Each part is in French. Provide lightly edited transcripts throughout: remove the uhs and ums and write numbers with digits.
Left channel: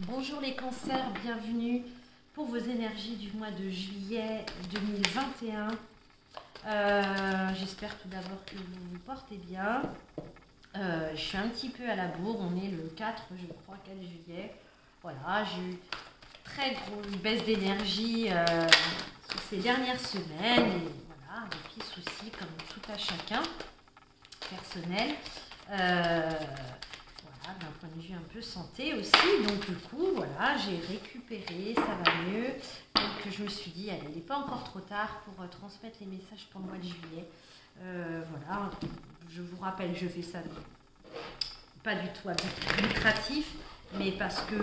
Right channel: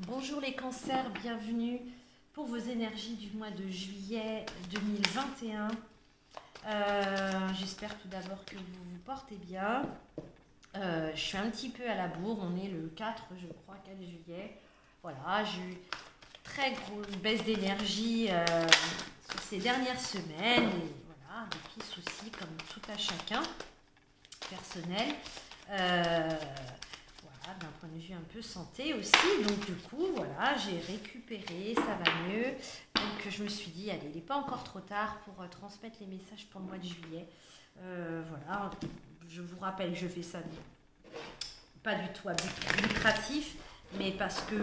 Bonjour les cancers, bienvenue pour vos énergies du mois de juillet 2021. J'espère tout d'abord que vous vous portez bien. Je suis un petit peu à la bourre, on est le 4, je crois, 4 juillet. Voilà, j'ai eu très grosse baisse d'énergie sur ces dernières semaines. Et voilà, des petits soucis comme tout à chacun, personnel. Voilà, d'un point de vue un peu santé aussi. Donc du coup, voilà, j'ai récupéré, ça va mieux. Donc je me suis dit, allez, il n'est pas encore trop tard pour transmettre les messages pour le mois de juillet. Voilà, je vous rappelle, je fais ça pas du tout à but lucratif, mais parce que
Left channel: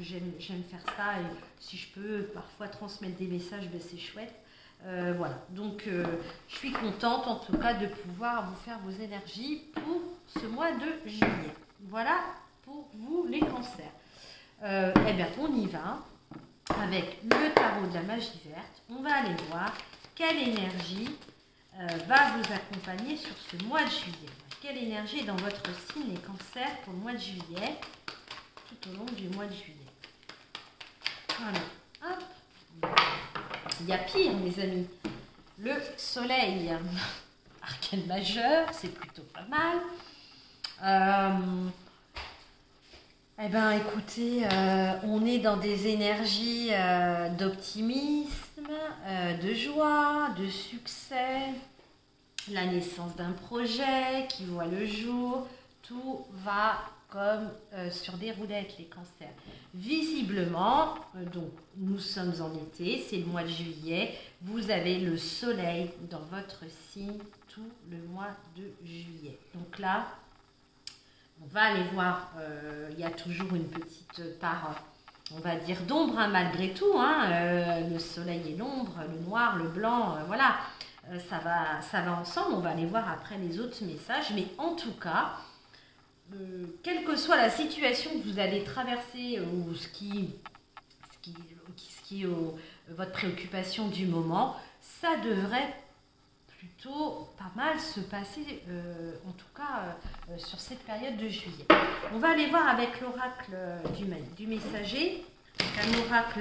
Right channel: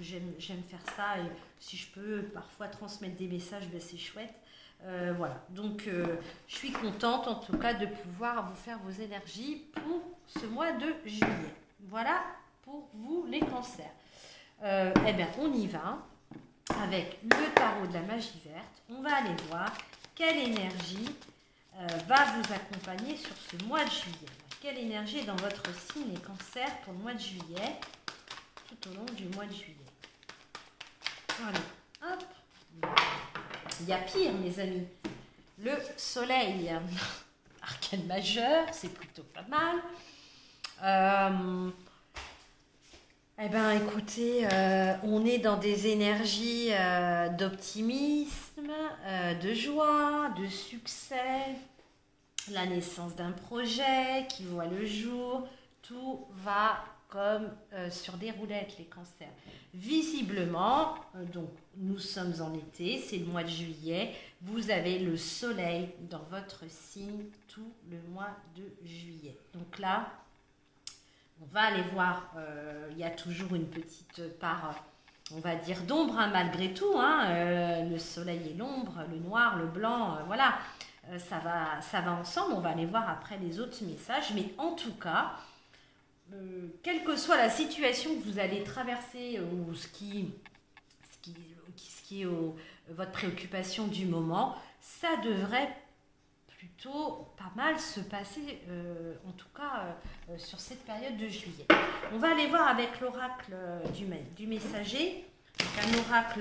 j'aime faire ça et si je peux parfois transmettre des messages, ben, c'est chouette. Voilà, donc je suis contente en tout cas de pouvoir vous faire vos énergies pour ce mois de juillet. Voilà pour vous les cancers. Eh bien, on y va avec le tarot de la magie verte. On va aller voir quelle énergie va vous accompagner sur ce mois de juillet. Quelle énergie est dans votre signe les cancers pour le mois de juillet, tout au long du mois de juillet. Voilà, hop. Il y a pire, mes amis. Le soleil, arcane majeur, c'est plutôt pas mal. Eh bien, écoutez, on est dans des énergies d'optimisme, de joie, de succès, la naissance d'un projet qui voit le jour. Tout va comme sur des roulettes, les cancers. Visiblement, donc nous sommes en été, c'est le mois de juillet, vous avez le soleil dans votre signe tout le mois de juillet. Donc là, on va aller voir, il y a toujours une petite part, on va dire, d'ombre, hein, malgré tout. Hein, le soleil et l'ombre, le noir, le blanc, voilà, ça va ensemble. On va aller voir après les autres messages. Mais en tout cas, quelle que soit la situation que vous allez traverser ou ce qui est votre préoccupation du moment, ça devrait plutôt pas mal se passer, en tout cas sur cette période de juillet. On va aller voir avec l'oracle du messager, un oracle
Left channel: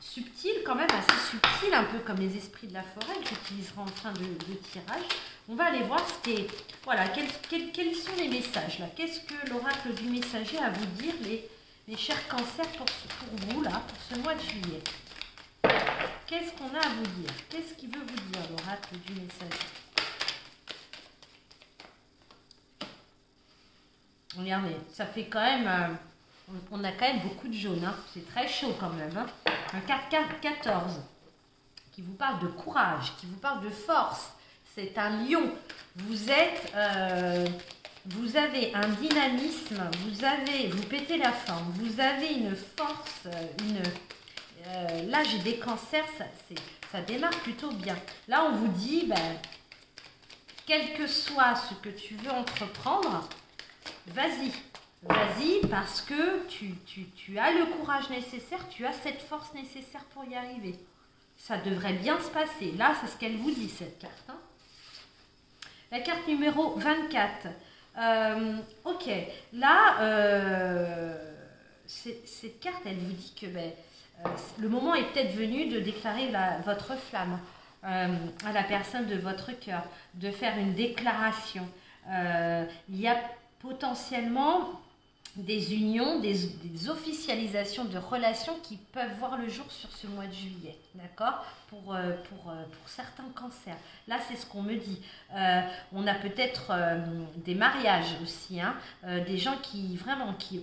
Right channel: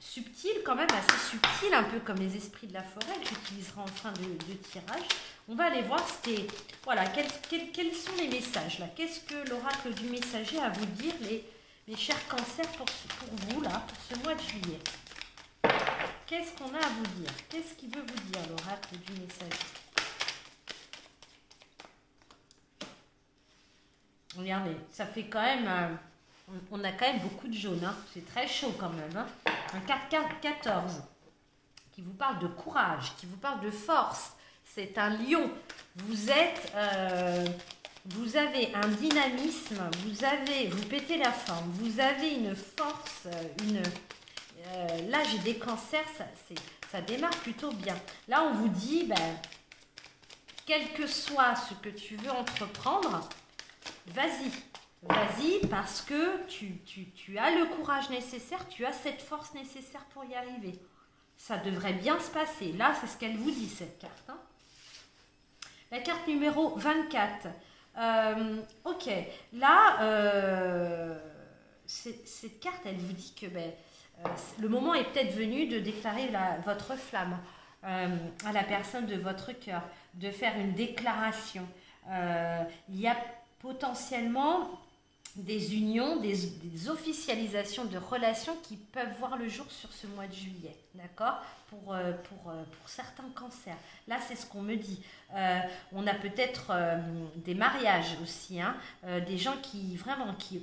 subtil, quand même assez subtil, un peu comme les esprits de la forêt que j'utiliserai en fin de tirage. On va aller voir voilà, quels sont les messages là. Qu'est-ce que l'oracle du messager a à vous dire, les chers cancers, pour vous là, pour ce mois de juillet. Qu'est-ce qu'on a à vous dire? Qu'est-ce qu'il veut vous dire, l'oracle du messager? Regardez, ça fait quand même... on a quand même beaucoup de jaune. Hein. C'est très chaud quand même. Hein. Un 4-14 qui vous parle de courage, qui vous parle de force. C'est un lion. Vous avez un dynamisme, vous pétez la forme, vous avez une force, là, j'ai des cancers, ça démarre plutôt bien. Là, on vous dit, ben, quel que soit ce que tu veux entreprendre, vas-y. Vas-y, parce que tu as le courage nécessaire, tu as cette force nécessaire pour y arriver. Ça devrait bien se passer. Là, c'est ce qu'elle vous dit, cette carte. Hein. La carte numéro 24. Ok, là, cette carte, elle vous dit que... Ben, le moment est peut-être venu de déclarer votre flamme à la personne de votre cœur, de faire une déclaration. Il y a potentiellement des unions, des officialisations de relations qui peuvent voir le jour sur ce mois de juillet, d'accord, pour certains cancers. Là, c'est ce qu'on me dit. On a peut-être des mariages aussi, hein, des gens qui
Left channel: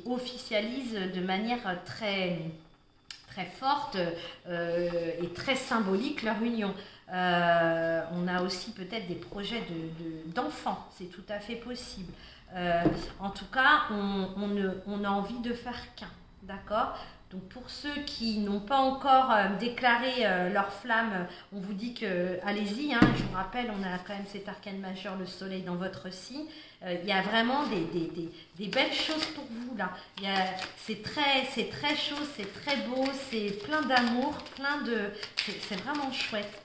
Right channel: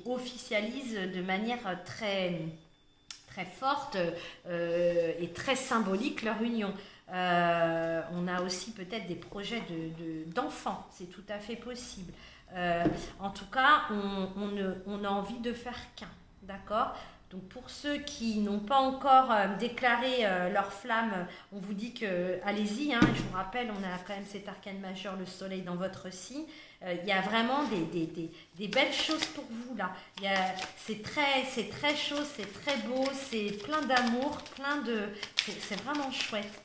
officialisent de manière très forte et très symbolique leur union. On a aussi peut-être des projets d'enfants, c'est tout à fait possible. En tout cas, on a envie de faire qu'un, d'accord? Donc pour ceux qui n'ont pas encore déclaré leur flamme, on vous dit que allez-y, hein, je vous rappelle, on a quand même cet arcane majeur, le soleil dans votre signe. Il y a vraiment des belles choses pour vous là. C'est très chaud, c'est très beau, c'est plein d'amour, c'est vraiment chouette.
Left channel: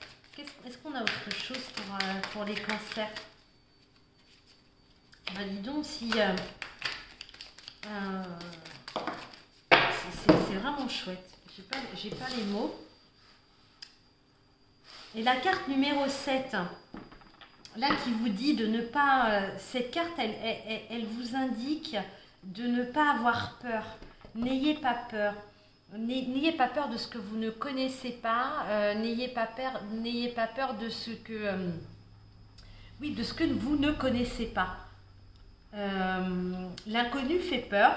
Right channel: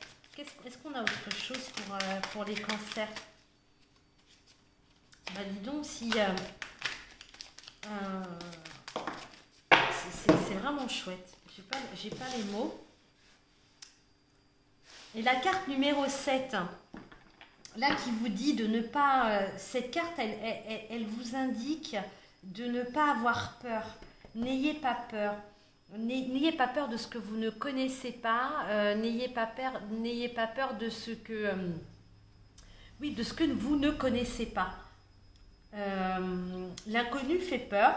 Est-ce qu'on a autre chose pour les cancers? Ben, dis donc si vraiment chouette. J'ai pas les mots. Et la carte numéro 7, là qui vous dit de ne pas... cette carte, elle vous indique de ne pas avoir peur. N'ayez pas peur. N'ayez pas peur de ce que vous ne connaissez pas. N'ayez pas peur de ce que... oui, de ce que vous ne connaissez pas. L'inconnu fait peur.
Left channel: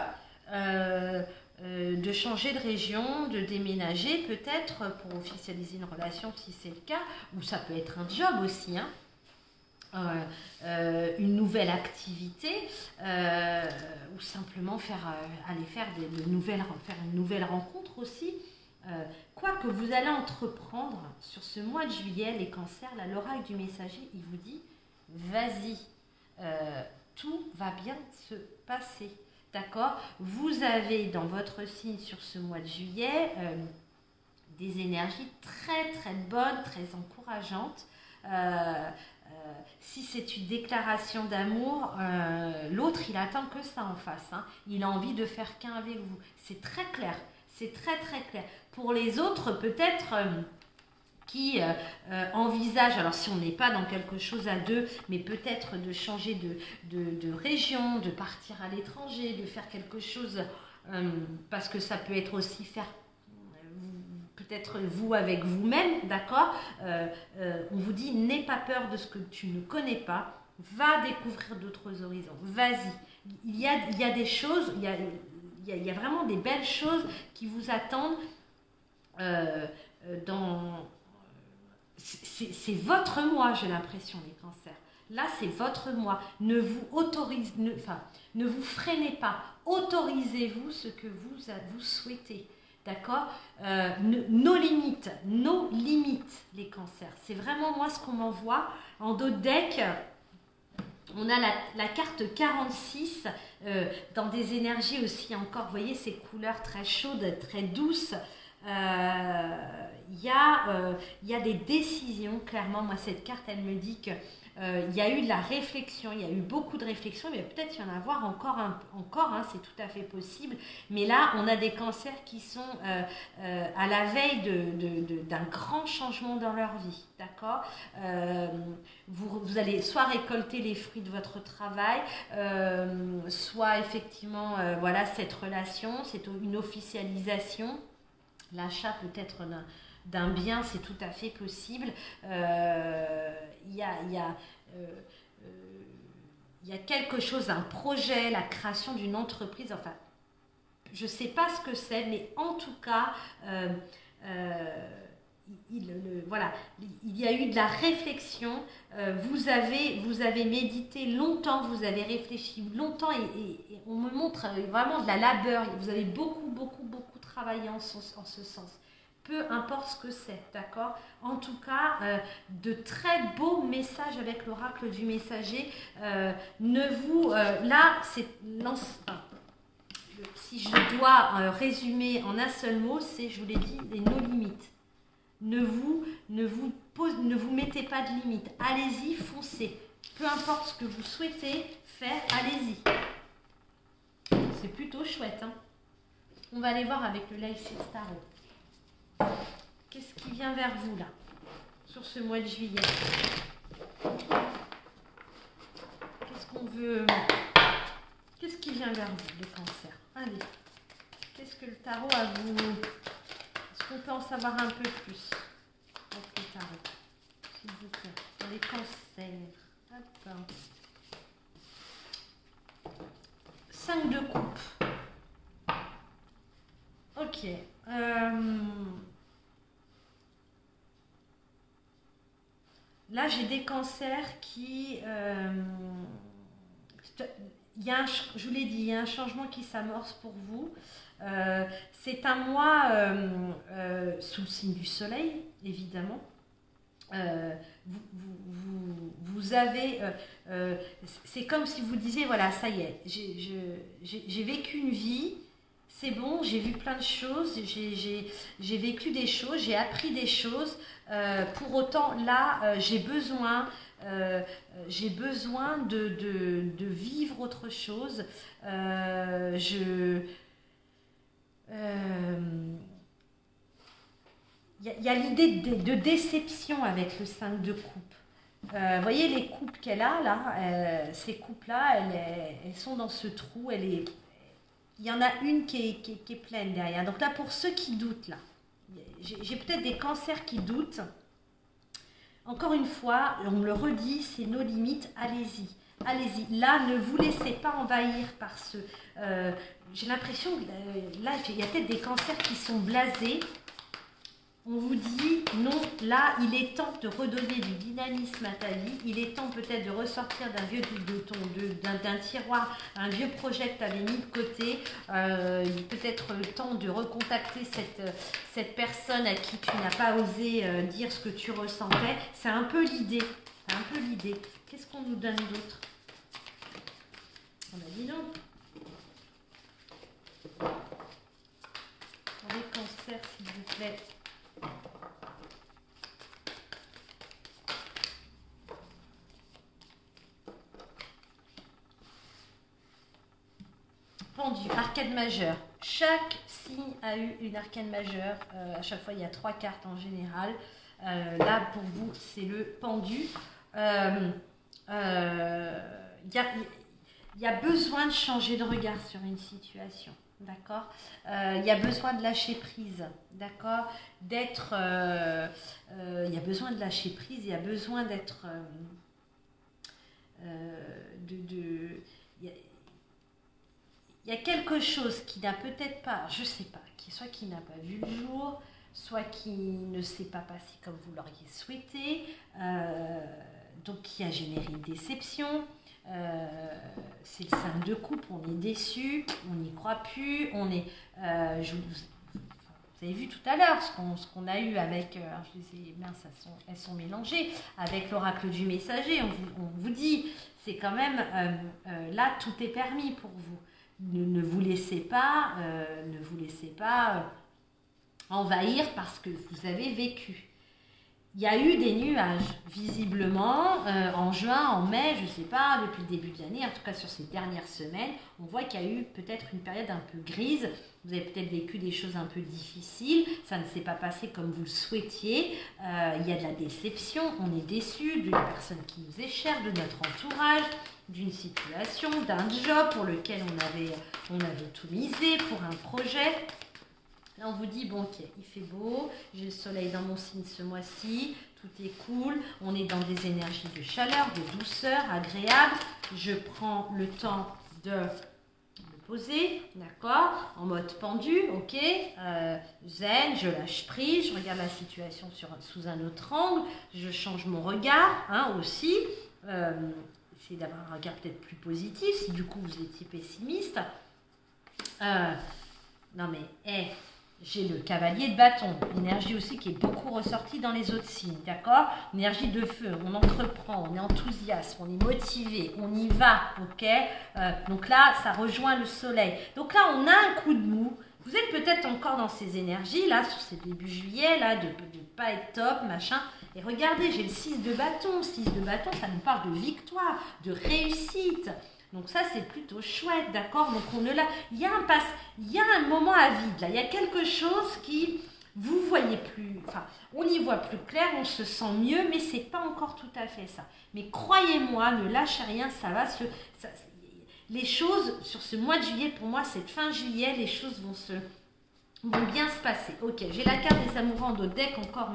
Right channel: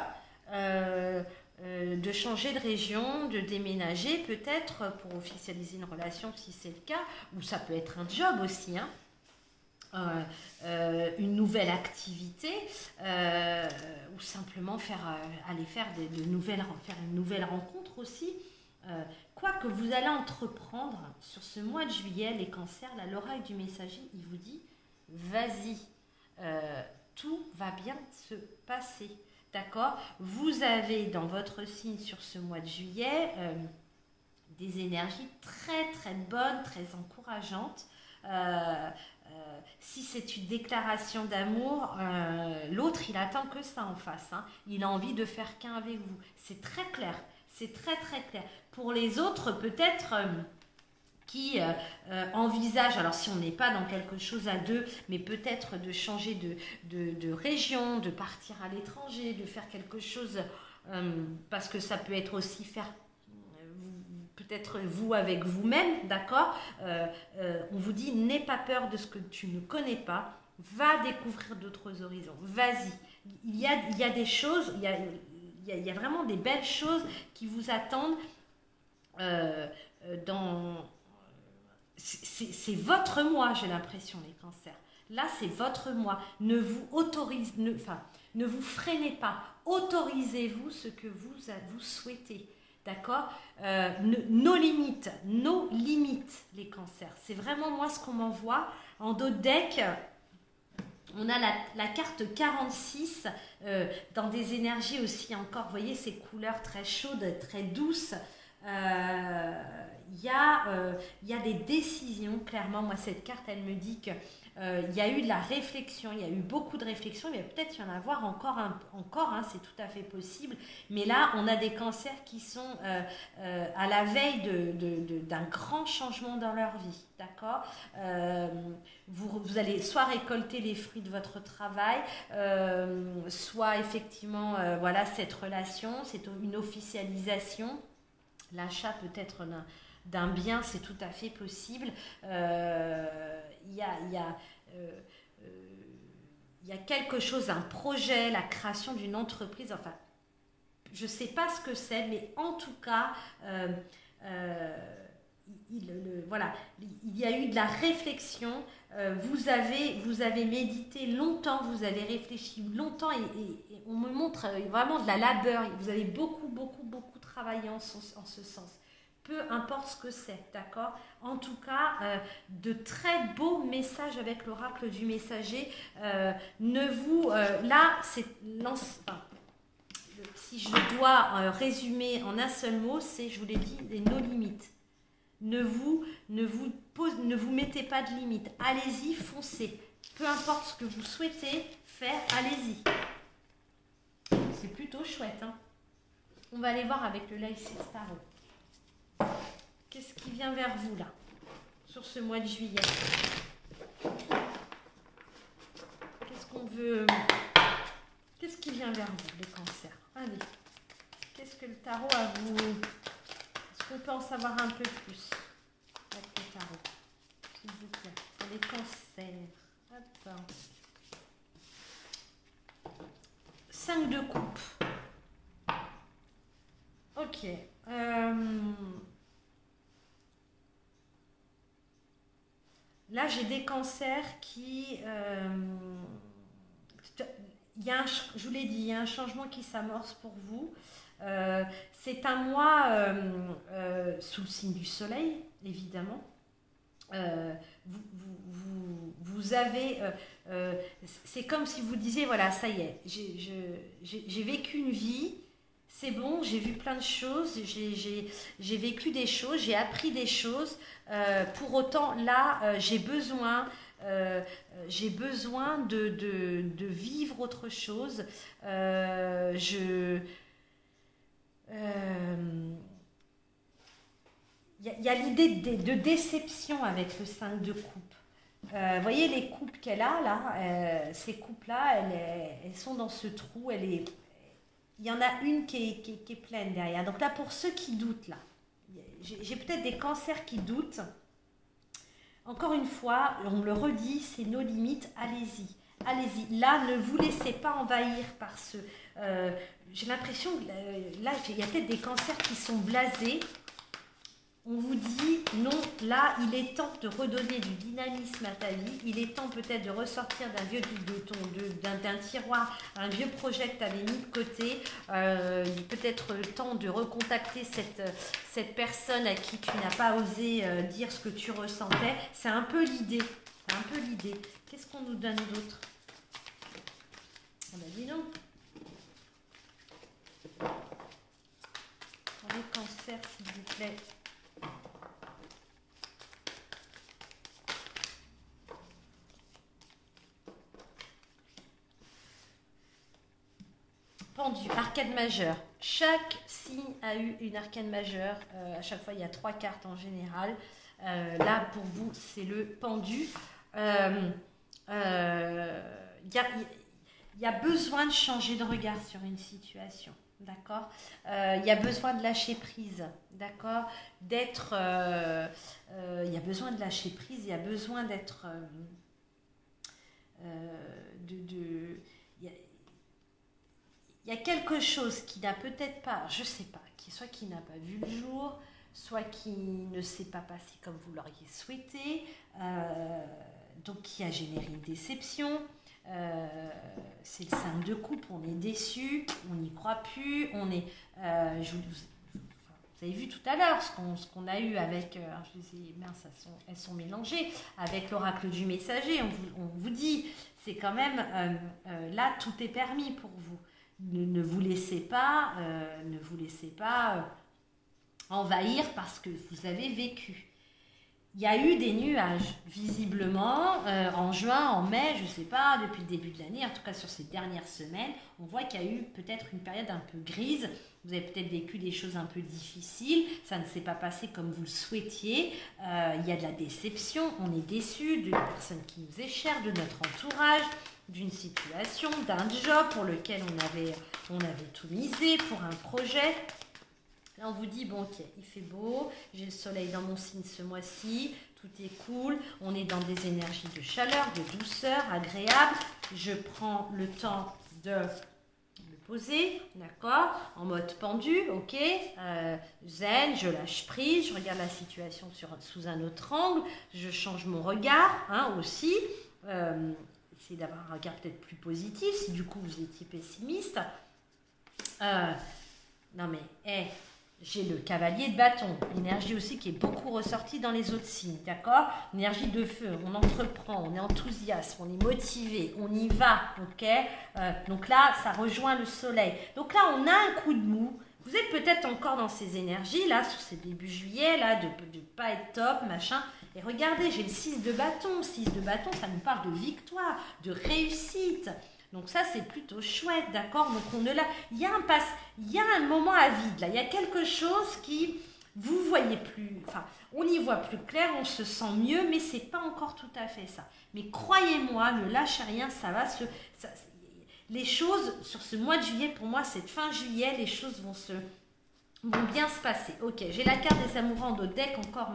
De changer de région, de déménager peut-être pour officialiser une relation si c'est le cas, ou ça peut être un job aussi, hein. Une nouvelle activité, ou simplement aller faire une nouvelle rencontre aussi. Quoi que vous allez entreprendre sur ce mois de juillet, les cancers, là, l'oracle du messager, il vous dit, vas-y, tout va bien se passer. D'accord? Vous avez dans votre signe sur ce mois de juillet des énergies très très bonnes, très encourageantes. Si c'est une déclaration d'amour, l'autre il attend que ça en face, hein. Il a envie de faire qu'un avec vous. C'est très clair, c'est très très clair. Pour les autres peut-être... qui envisage, alors si on n'est pas dans quelque chose à deux, mais peut-être de changer de région, de partir à l'étranger, de faire quelque chose, parce que ça peut être aussi faire, peut-être vous avec vous-même, d'accord, on vous dit, n'aie pas peur de ce que tu ne connais pas, va découvrir d'autres horizons, vas-y. Il y a des choses, il y a vraiment des belles choses qui vous attendent dans... C'est votre moi, j'ai l'impression, les cancers. Là, c'est votre moi. Ne vous freinez pas. Autorisez-vous ce que vous souhaitez. D'accord? Nos limites, les cancers. C'est vraiment moi ce qu'on m'envoie. En dos de deck, on a la carte 46 dans des énergies aussi encore, vous voyez, ces couleurs très chaudes, très douces. Il y a des décisions, clairement. Moi, cette carte, elle me dit qu'il y a eu de la réflexion, il y a eu beaucoup de réflexion, mais peut-être y en avoir encore, hein, c'est tout à fait possible. Mais là, on a des cancers qui sont à la veille d'un grand changement dans leur vie, d'accord. Vous allez soit récolter les fruits de votre travail, soit effectivement, voilà, cette relation, c'est une officialisation, l'achat peut-être d'un bien, c'est tout à fait possible. Il y a quelque chose, un projet, la création d'une entreprise, enfin, je ne sais pas ce que c'est, mais en tout cas, voilà, il y a eu de la réflexion, vous avez médité longtemps, vous avez réfléchi longtemps, et on me montre vraiment de la labeur, vous avez beaucoup travaillé en ce sens. Peu importe ce que c'est, d'accord? En tout cas, de très beaux messages avec l'oracle du messager. Là, si je dois résumer en un seul mot, c'est, je vous l'ai dit, nos limites. Ne vous mettez pas de limites. Allez-y, foncez. Peu importe ce que vous souhaitez faire, allez-y. C'est plutôt chouette, hein? On va aller voir avec le Live Tarot. Qu'est-ce qui vient vers vous là, sur ce mois de juillet? Qu'est-ce qu'on veut? Qu'est-ce qui vient vers vous, les cancers? Allez, qu'est-ce que le tarot a vous? Est-ce qu'on peut en savoir un peu plus avec le tarot, s'il vous plaît, pour les cancers? Attends. 5 de coupe. Ok. Là, j'ai des cancers qui... je vous l'ai dit, il y a un changement qui s'amorce pour vous. C'est un mois sous le signe du soleil, évidemment. Vous avez... c'est comme si vous disiez, voilà, ça y est, j'ai vécu une vie, c'est bon, j'ai vu plein de choses, j'ai vécu des choses, j'ai appris des choses. Pour autant, là, j'ai besoin de vivre autre chose. y a l'idée de déception avec le 5 de coupe. Vous voyez les coupes qu'elle a là, ces coupes-là, elles sont dans ce trou. Il y en a une qui est pleine derrière. Donc là, pour ceux qui doutent, là, j'ai peut-être des cancers qui doutent. Encore une fois, on me le redit, c'est nos limites, allez-y. Allez-y. Là, ne vous laissez pas envahir par ce... j'ai l'impression que là, il y a peut-être des cancers qui sont blasés. On vous dit, non, là, il est temps de redonner du dynamisme à ta vie. Il est temps peut-être de ressortir d'un tiroir, un vieux projet que tu avais mis de côté. Peut-être le temps de recontacter cette personne à qui tu n'as pas osé dire ce que tu ressentais. C'est un peu l'idée. C'est un peu l'idée. Qu'est-ce qu'on nous donne d'autre? Ah ben dis donc. Pour les cancers, s'il vous plaît. Pendu, arcane majeure. Chaque signe a eu une arcane majeure. À chaque fois, il y a 3 cartes en général. Là, pour vous, c'est le pendu. Il y a besoin de changer de regard sur une situation. D'accord, il y a besoin de lâcher prise, d'accord, d'être, il y a besoin de lâcher prise, il y a besoin d'être, il y a quelque chose qui n'a peut-être pas, je ne sais pas, soit qui n'a pas vu le jour, soit qui ne s'est pas passé comme vous l'auriez souhaité, donc qui a généré une déception. C'est le 5 de coupe, on est déçu, on n'y croit plus, on est... vous avez vu tout à l'heure ce qu'on a eu avec... je disais, mince, elles sont mélangées, avec l'oracle du messager, on vous dit, c'est quand même... là, tout est permis pour vous. Ne vous laissez pas, envahir parce que vous avez vécu. Il y a eu des nuages, visiblement, en juin, en mai, je ne sais pas, depuis le début de l'année, en tout cas sur ces dernières semaines, on voit qu'il y a eu peut-être une période un peu grise, vous avez peut-être vécu des choses un peu difficiles, ça ne s'est pas passé comme vous le souhaitiez, il y a de la déception, on est déçu d'une personne qui nous est chère, de notre entourage, d'une situation, d'un job pour lequel on avait tout misé, pour un projet. Là, on vous dit, bon, ok, il fait beau, j'ai le soleil dans mon signe ce mois-ci, tout est cool, on est dans des énergies de chaleur, de douceur, agréable. Je prends le temps de me poser, d'accord, en mode pendu, ok, zen, je lâche prise, je regarde la situation sous un autre angle, je change mon regard, hein, aussi. Essayez d'avoir un regard peut-être plus positif, si du coup vous étiez pessimiste. Non mais, j'ai le cavalier de bâton, énergie aussi qui est beaucoup ressortie dans les autres signes, d'accord? Énergie de feu, on entreprend, on est enthousiaste, on est motivé, on y va, ok? Donc là, ça rejoint le soleil. Donc là, on a un coup de mou. Vous êtes peut-être encore dans ces énergies, là, sur ces débuts juillet, là, de ne pas être top, machin. Et regardez, j'ai le 6 de bâton. 6 de bâton, ça nous parle de victoire, de réussite. Donc ça, c'est plutôt chouette, d'accord? Donc il y a un moment à vide, là. Il y a quelque chose qui, vous voyez plus, enfin, on y voit plus clair, on se sent mieux, mais c'est pas encore tout à fait ça. Mais croyez-moi, ne lâchez rien, les choses, sur ce mois de juillet, pour moi, cette fin juillet, les choses vont bien se passer. Ok, j'ai la carte des amoureux en dos de deck, encore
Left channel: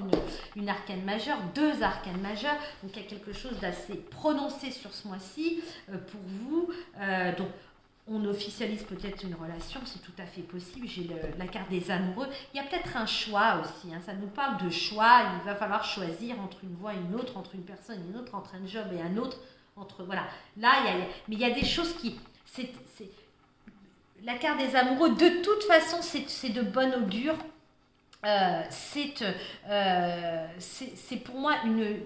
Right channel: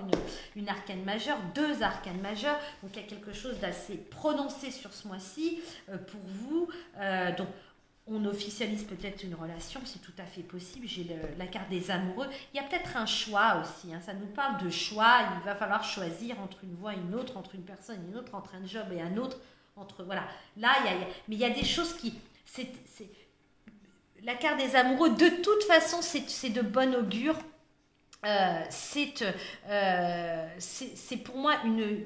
une arcane majeure, 2 arcanes majeures, donc il y a quelque chose d'assez prononcé sur ce mois-ci pour vous. Donc on officialise peut-être une relation, c'est tout à fait possible. J'ai la carte des amoureux. Il y a peut-être un choix aussi, hein. Ça nous parle de choix. Il va falloir choisir entre une voie et une autre, entre une personne et une autre, entre un job et un autre. Voilà. Là, mais il y a des choses qui... La carte des amoureux, de toute façon, c'est de bon augure. C'est pour moi une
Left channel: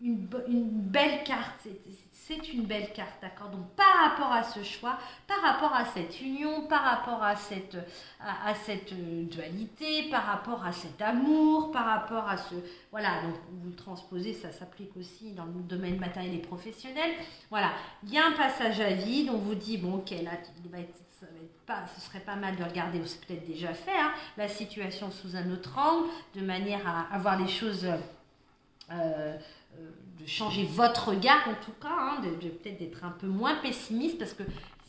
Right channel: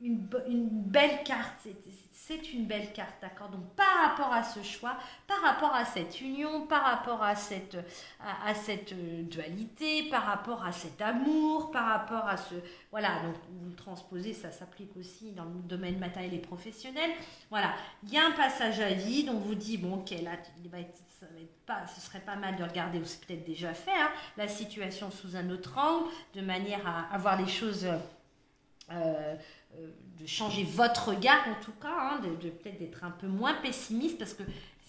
belle carte. C'est une belle carte, d'accord? Donc, par rapport à ce choix, par rapport à cette union, par rapport à cette dualité, par rapport à cet amour, par rapport à ce... Voilà, donc vous le transposez, ça s'applique aussi dans le domaine matériel et professionnel. Voilà, il y a un passage à vide, on vous dit, bon, ok, là, ce serait pas mal de regarder, ou c'est peut-être déjà fait, hein, la situation sous un autre angle, de manière à voir les choses, de changer votre regard en tout cas, hein, de peut-être d'être un peu moins pessimiste, parce que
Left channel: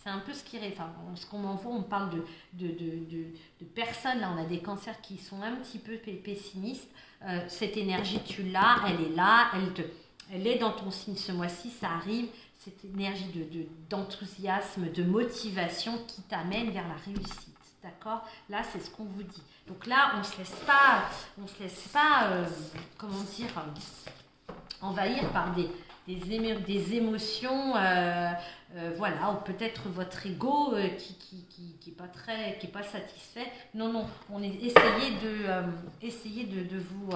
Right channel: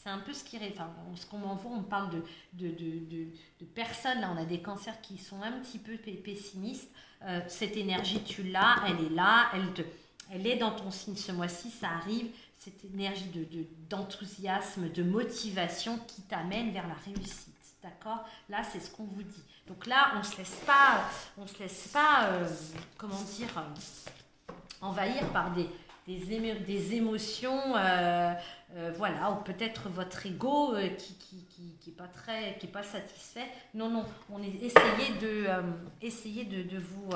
c'est un peu ce qui... Enfin, ce qu'on m'envoie, on parle de personnes, là on a des cancers qui sont un petit peu pessimistes. Cette énergie, tu l'as, elle est là, elle est dans ton signe ce mois-ci, ça arrive, cette énergie d'enthousiasme, de motivation qui t'amène vers la réussite. D'accord? Là, c'est ce qu'on vous dit. Donc là, on ne se laisse pas, comment dire, envahir par des émotions, voilà, ou peut-être votre ego qui est pas satisfait. Non, on essayez de vous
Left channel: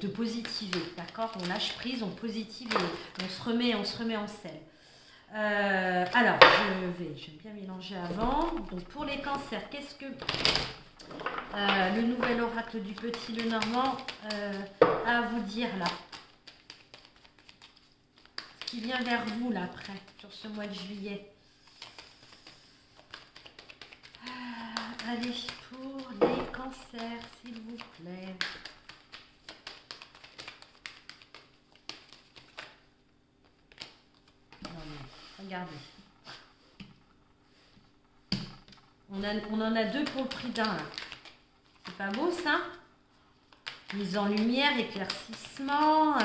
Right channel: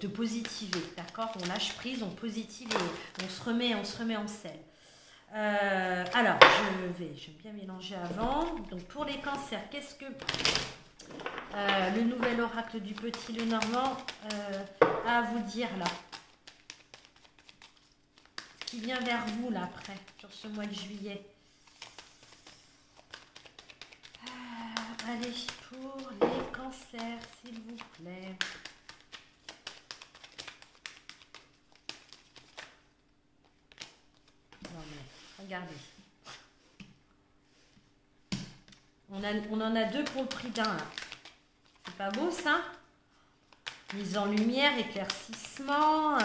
de positiver, d'accord? On lâche prise, on positive et on se remet en selle. Alors, je vais bien mélanger avant. Donc, pour les cancers, qu'est-ce que le nouvel oracle du Petit Lenormand a à vous dire là? Ce qui vient vers vous là après, sur ce mois de juillet. Allez, pour les cancers, s'il vous plaît. Regardez. On en a deux pour le prix d'un. C'est pas beau ça? Mise en lumière, éclaircissement,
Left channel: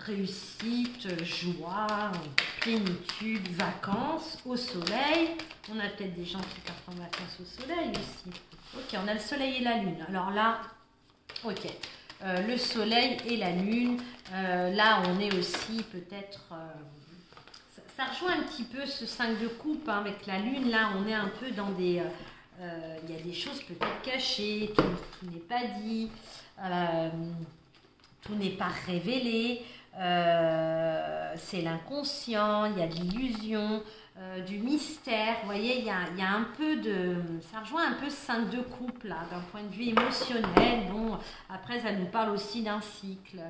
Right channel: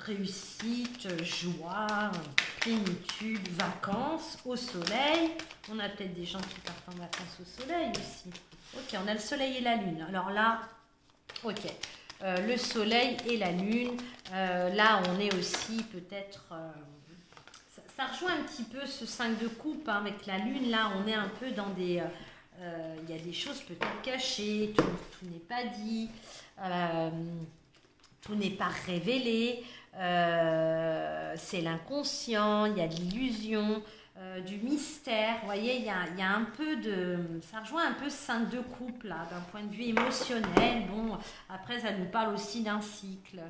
réussite, joie, plénitude, vacances, au soleil. On a peut-être des gens qui partent en vacances au soleil aussi. Ok, on a le soleil et la lune. Alors là, ok. Le soleil et la lune. Là, on est aussi peut-être... ça rejoint un petit peu ce 5 de coupe, hein, avec la lune. Là, on est un peu dans des... il y a des choses peut-être cachées, tout n'est pas dit, tout n'est pas révélé. C'est l'inconscient, il y a de l'illusion, du mystère. Vous voyez, il y a un peu de... Ça rejoint un peu ce 5 de coupe, là, d'un point de vue émotionnel. Bon, après, ça nous parle aussi d'un cycle,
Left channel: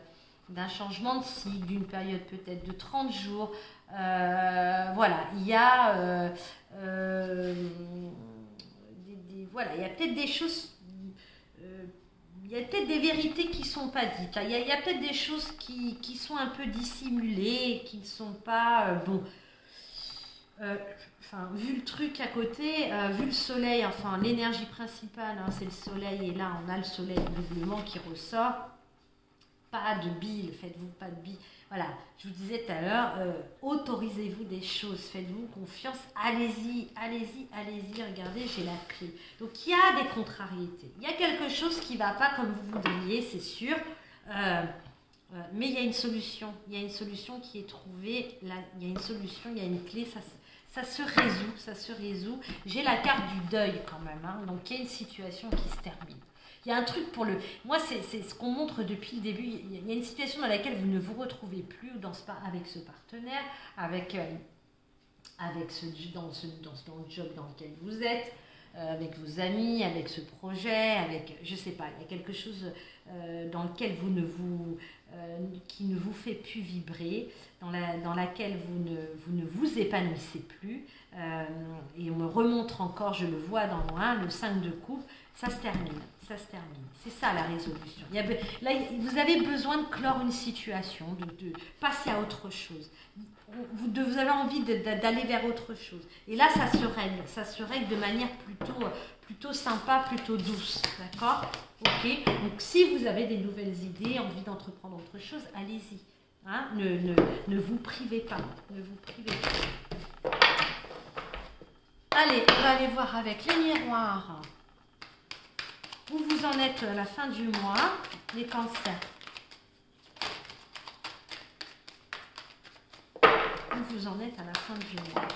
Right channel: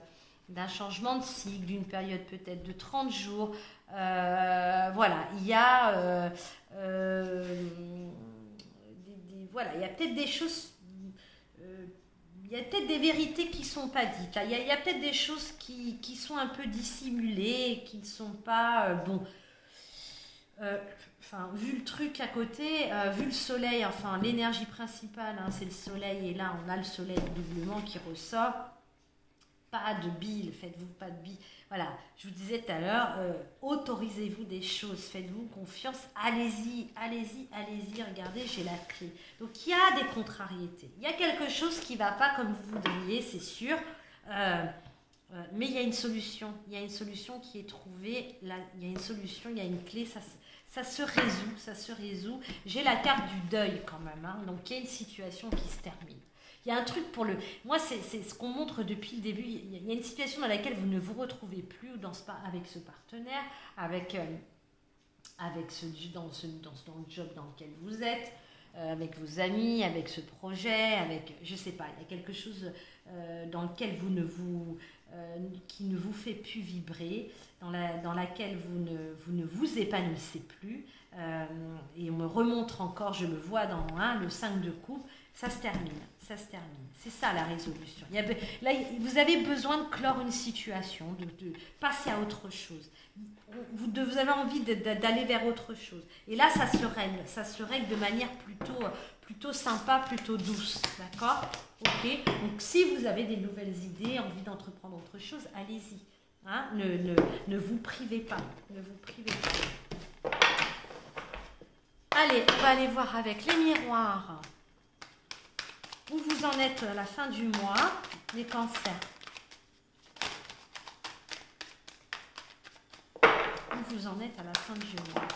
d'un changement de cycle, d'une période peut-être de 30 jours. Voilà, il y a... voilà, il y a peut-être des choses... il y a peut-être des vérités qui ne sont pas dites. Il y a peut-être des choses qui sont un peu dissimulées, qui ne sont pas... bon... Enfin, vu le truc à côté, vu le soleil, enfin l'énergie principale, hein, c'est le soleil, et là on a le soleil doublement qui ressort. Pas de bile, faites-vous pas de bile. Voilà, je vous disais tout à l'heure, autorisez-vous des choses, faites-vous confiance, allez-y, regardez, j'ai la clé. Donc il y a des contrariétés, il y a quelque chose qui ne va pas comme vous voudriez, c'est sûr, mais il y a une solution qui est trouvée, là, il y a une solution, il y a une clé, ça se résout. J'ai la carte du deuil quand même, hein, donc il y a une situation qui se termine. Il y a un truc pour le... Moi, c'est ce qu'on montre depuis le début. Il y a une situation dans laquelle vous ne vous retrouvez plus avec ce partenaire, avec dans le job dans lequel vous êtes, avec vos amis, avec ce projet, avec... Je ne sais pas, il y a quelque chose dans lequel qui ne vous fait plus vibrer, dans laquelle vous ne vous épanouissez plus. Et on me remontre encore, je le vois dans moi, le 5 de coupe, ça se termine. C'est ça la résolution. Là, vous avez besoin de clore une situation, de passer à autre chose. Vous avez envie d'aller vers autre chose. Et là, ça se règle de manière plutôt sympa, plutôt douce. D'accord? Ok. Donc, si vous avez des nouvelles idées, envie d'entreprendre autre chose, allez-y. Hein? Ne vous privez pas. Allez, on va aller voir avec les miroirs. Où vous en êtes à la fin du mois, les cancers? Où vous en êtes à la fin du mois?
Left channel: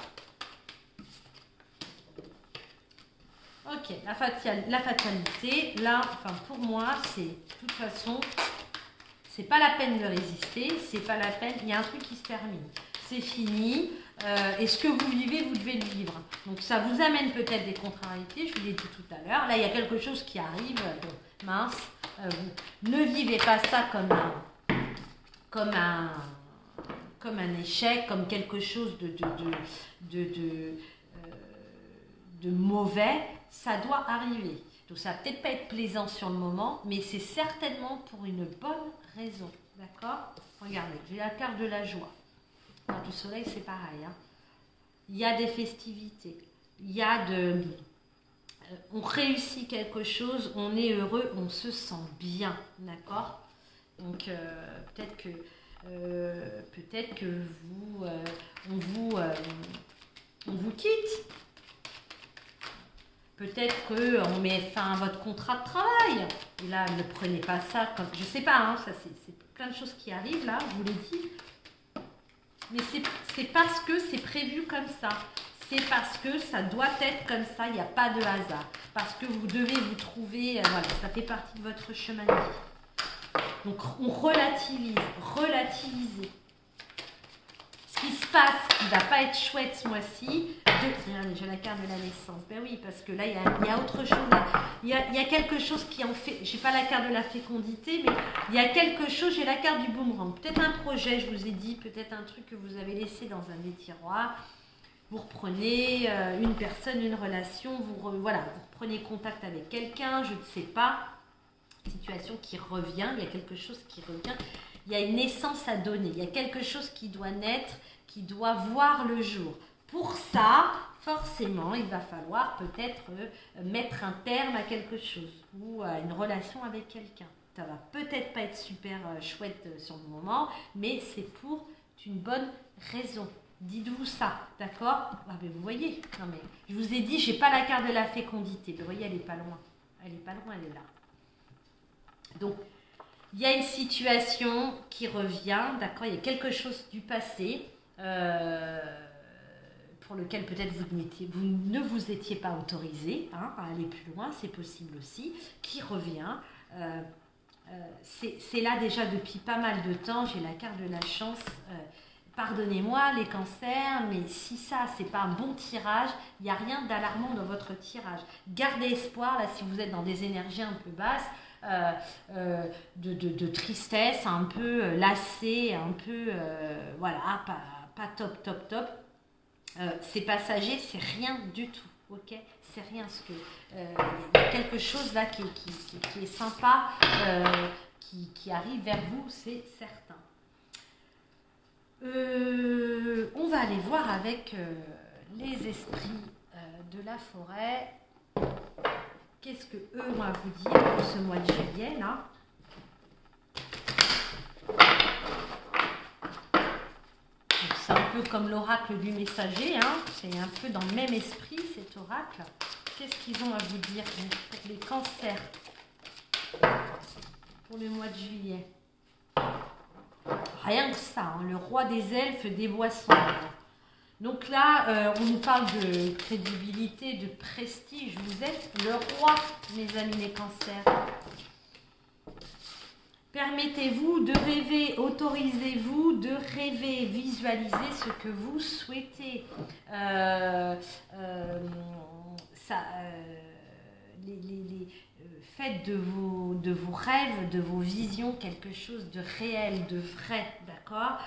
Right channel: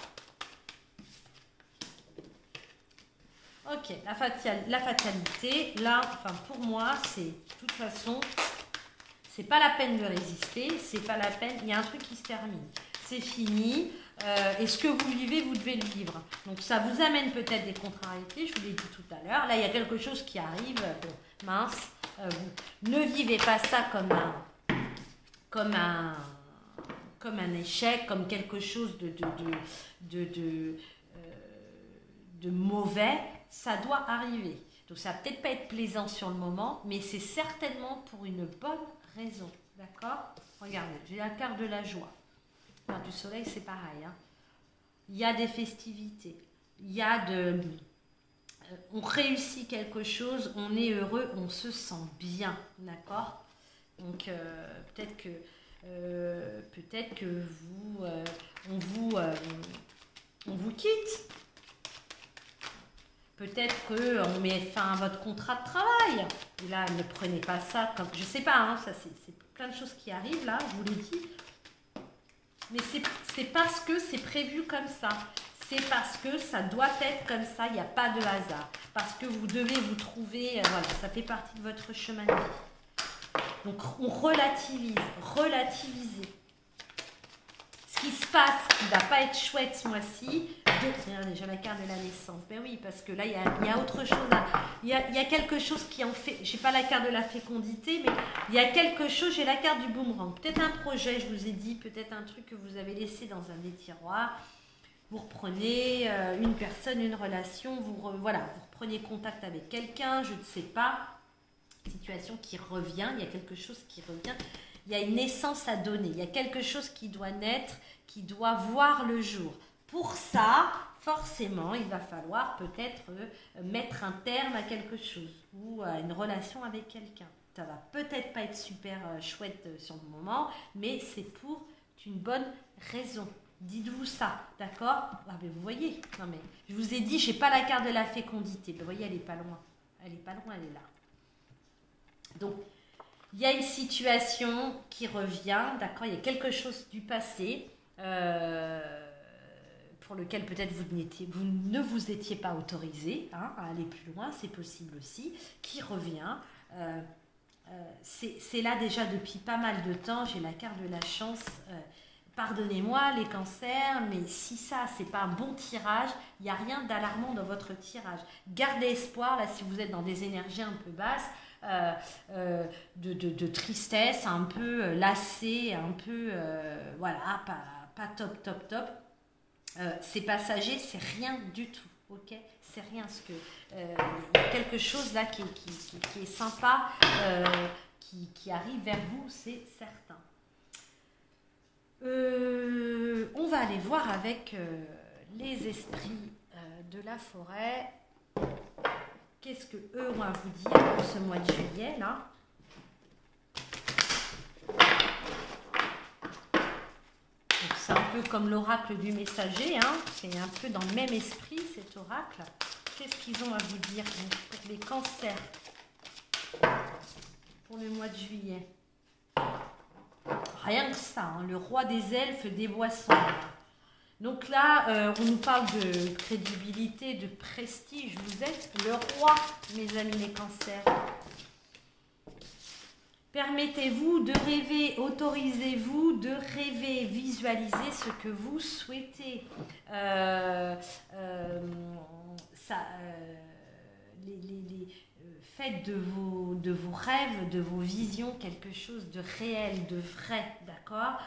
Ok, la fatalité, là, enfin pour moi, c'est de toute façon, c'est pas la peine de résister, c'est pas la peine, il y a un truc qui se termine. C'est fini. Et ce que vous vivez, vous devez le vivre. Donc ça vous amène peut-être des contrariétés, je vous l'ai dit tout à l'heure. Là, il y a quelque chose qui arrive, mince. Ne vivez pas ça comme un échec, comme quelque chose de mauvais, ça doit arriver. Donc ça va peut-être pas être plaisant sur le moment, mais c'est certainement pour une bonne raison. D'accord? Regardez, j'ai la carte de la joie. La carte du soleil, c'est pareil. Hein. Il y a des festivités. Il y a de... on réussit quelque chose, on est heureux, on se sent bien. D'accord? Donc peut-être que vous, on vous quitte. Peut-être qu'on met fin à votre contrat de travail. Là, ne prenez pas ça comme... Je ne sais pas, hein, ça c'est plein de choses qui arrivent là, je vous l'ai dit. Mais c'est parce que c'est prévu comme ça. C'est parce que ça doit être comme ça, il n'y a pas de hasard. Parce que vous devez vous trouver... voilà, ça fait partie de votre chemin de vie. Donc, on relativise. Relativiser. Ce qui se passe, qui ne va pas être chouette ce mois-ci. Regardez, j'ai la carte de la naissance. Ben oui, parce que là, il y a autre chose. Il y a quelque chose qui en fait... Je n'ai pas la carte de la fécondité, mais il y a quelque chose, j'ai la carte du boomerang. Peut-être un projet, je vous ai dit, peut-être un truc que vous avez laissé dans un des tiroirs. Vous reprenez une personne, une relation, vous reprenez contact avec quelqu'un, je ne sais pas. Situation qui revient, il y a quelque chose qui revient. Il y a une naissance à donner, il y a quelque chose qui doit naître, qui doit voir le jour. Pour ça, forcément, il va falloir peut-être mettre un terme à quelque chose ou à une relation avec quelqu'un. Ça va peut-être pas être super chouette sur le moment, mais c'est pour une bonne raison. Dites-vous ça, d'accord? Ah, mais vous voyez, non mais je vous ai dit, j'ai pas la carte de la fécondité. Vous voyez, elle est pas loin. Elle est pas loin, elle est là. Donc, il y a une situation qui revient, d'accord? Il y a quelque chose du passé pour lequel peut-être vous ne vous étiez pas autorisé hein, à aller plus loin, c'est possible aussi, qui revient. C'est là déjà depuis pas mal de temps, j'ai la carte de la chance. Pardonnez-moi les cancers, mais si ça, c'est pas un bon tirage, il n'y a rien d'alarmant dans votre tirage. Gardez espoir, là, si vous êtes dans des énergies un peu basses, de tristesse, un peu lassé, un peu, voilà, pas top. C'est passager, c'est rien du tout, ok? C'est rien, parce que y a quelque chose là qui est sympa, qui arrive vers vous, c'est certain. On va aller voir avec les esprits de la forêt. Qu'est-ce que eux vont vous dire pour ce mois de juillet là? C'est un peu comme l'oracle du messager, hein. C'est un peu dans le même esprit cet oracle. Qu'est-ce qu'ils ont à vous dire pour les cancers pour le mois de juillet? Rien que ça, hein, le roi des elfes des boissons. Donc là, on nous parle de crédibilité, de prestige. Vous êtes le roi, mes amis les cancers. Permettez-vous de rêver, autorisez-vous de rêver, visualisez ce que vous souhaitez. Faites de vos rêves, de vos visions, quelque chose de réel, de vrai, d'accord?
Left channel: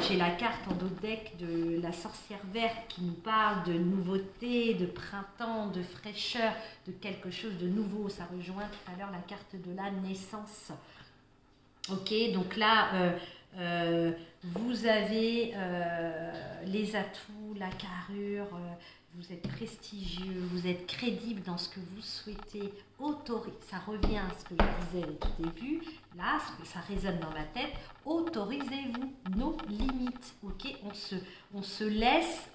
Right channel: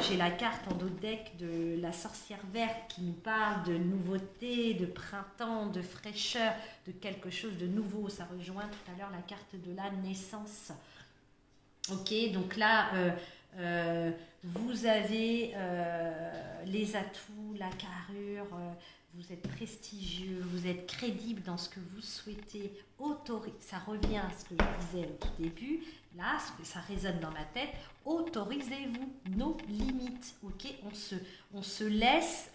J'ai la carte en dos de deck de la sorcière verte qui nous parle de nouveauté, de printemps, de fraîcheur, de quelque chose de nouveau. Ça rejoint tout à l'heure la carte de la naissance. Ok, donc là, vous avez les atouts, la carrure, vous êtes prestigieux, vous êtes crédible dans ce que vous souhaitez, ça revient à ce que je disais au tout début, là, ce que ça résonne dans ma tête, autorisez-vous nos limites, ok, on se laisse,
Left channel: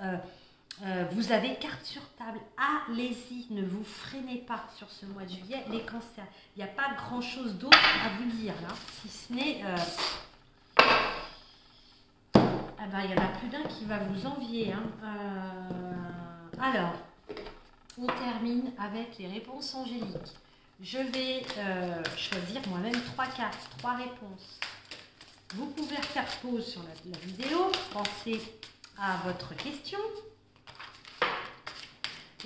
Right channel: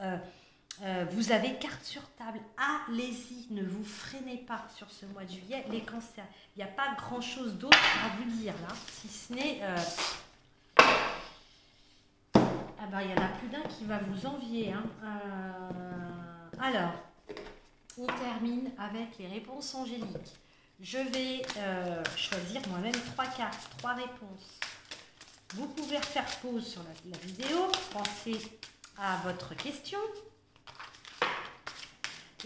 vous avez carte sur table, allez-y, ne vous freinez pas sur ce mois de juillet, les cancers, il n'y a pas grand-chose d'autre à vous dire, là, si ce n'est... ah ben, il y en a plus d'un qui va vous envier, hein. Alors, on termine avec les réponses angéliques. Je vais choisir moi-même 3 cartes, 3 réponses. Vous pouvez refaire pause sur la vidéo, pensez à votre question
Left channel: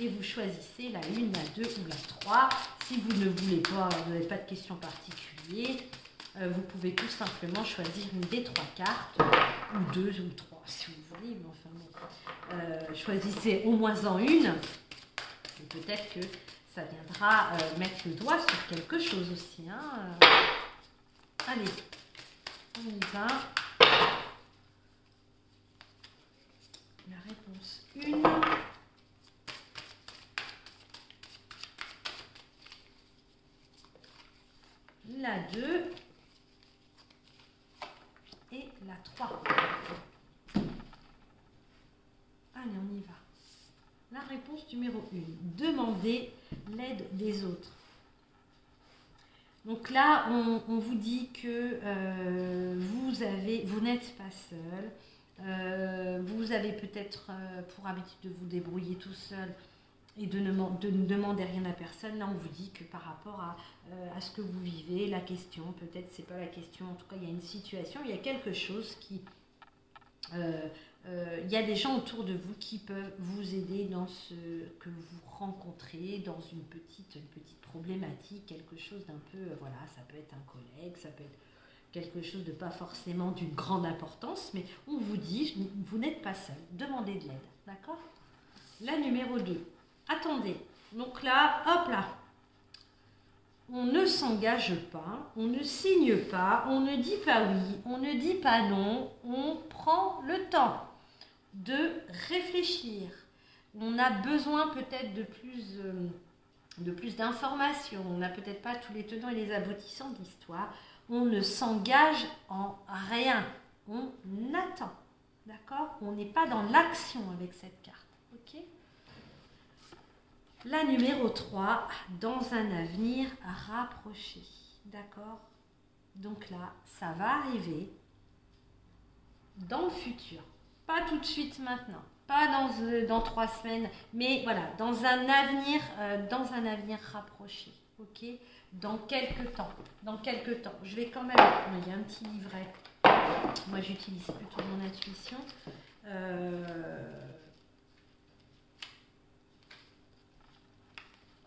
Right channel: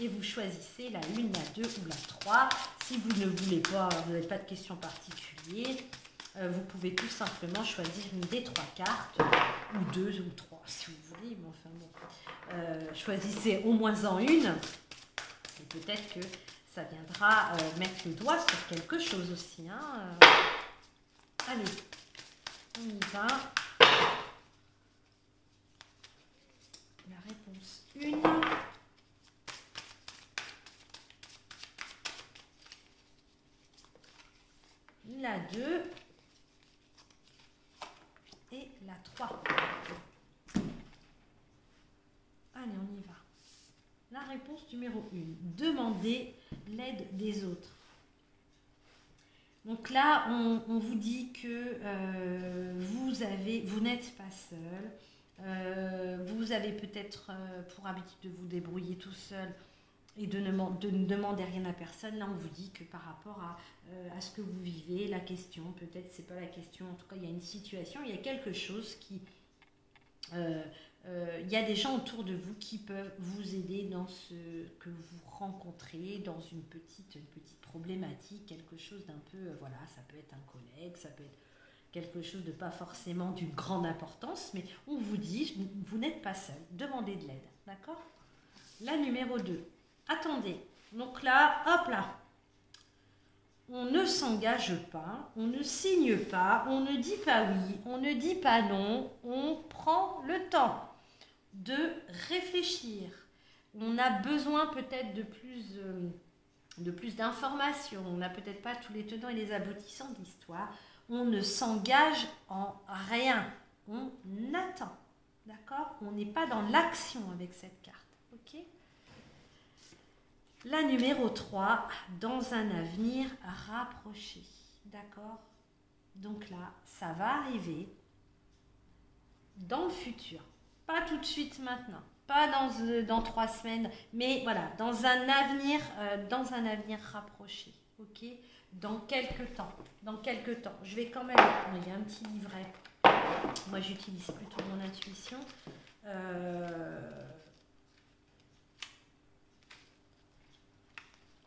et vous choisissez la 1, la 2 ou la 3. Si vous ne voulez pas, vous n'avez pas de question particulière, vous pouvez tout simplement choisir une des 3 cartes, ou 2 ou 3 si vous voulez, mais enfin bon. Choisissez au moins en une. peut-être que ça viendra mettre le doigt sur quelque chose aussi. Hein. Allez, on y va. La réponse 1. La 2. Et la 3. Allez, on y va. La réponse numéro 1. Demandez l'aide des autres. Donc là, on vous dit que vous n'êtes pas seul. Vous avez peut-être pour habitude de vous débrouiller tout seul et de ne demander rien à personne. Là, on vous dit que par rapport à ce que vous vivez, la question, peut-être c'est pas la question, en tout cas, il y a une situation, il y a quelque chose qui... il y a des gens autour de vous qui peuvent vous aider dans ce que vous rencontrez, dans une petite problématique, quelque chose d'un peu, voilà, ça peut être un collègue, ça peut être quelque chose de pas forcément d'une grande importance, mais on vous dit, vous n'êtes pas seul, demandez de l'aide, d'accord? La numéro 2, attendez, donc là, hop là, on ne s'engage pas, on ne signe pas, on ne dit pas oui, on ne dit pas non, on prend le temps de réfléchir. On a besoin peut-être de plus d'informations, on n'a peut-être pas tous les tenants et les aboutissants de l'histoire. On ne s'engage en rien, on attend, d'accord? On n'est pas dans l'action avec cette carte, ok? La numéro 3, dans un avenir rapproché, d'accord? Donc là, ça va arriver dans le futur, pas tout de suite maintenant, pas dans 3 semaines, mais voilà, dans un avenir rapproché, ok? Dans quelques temps, je vais quand même, il y a un petit livret, moi j'utilise plutôt mon intuition,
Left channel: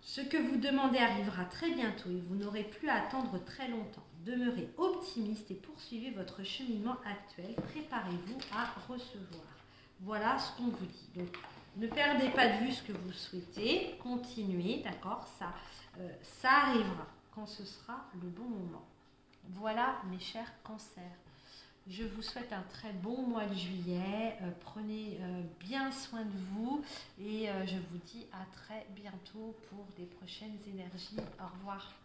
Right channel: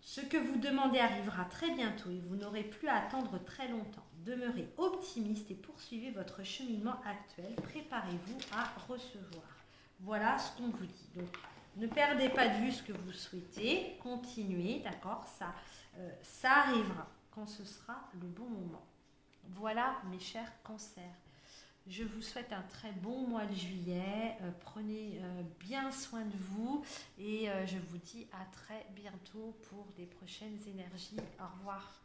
ce que vous demandez arrivera très bientôt et vous n'aurez plus à attendre très longtemps. Demeurez optimiste et poursuivez votre cheminement actuel. Préparez-vous à recevoir. Voilà ce qu'on vous dit. Donc, ne perdez pas de vue ce que vous souhaitez. Continuez, d'accord? Ça arrivera quand ce sera le bon moment. Voilà, mes chers cancers. Je vous souhaite un très bon mois de juillet. Prenez bien soin de vous et je vous dis à très bientôt pour des prochaines énergies. Au revoir.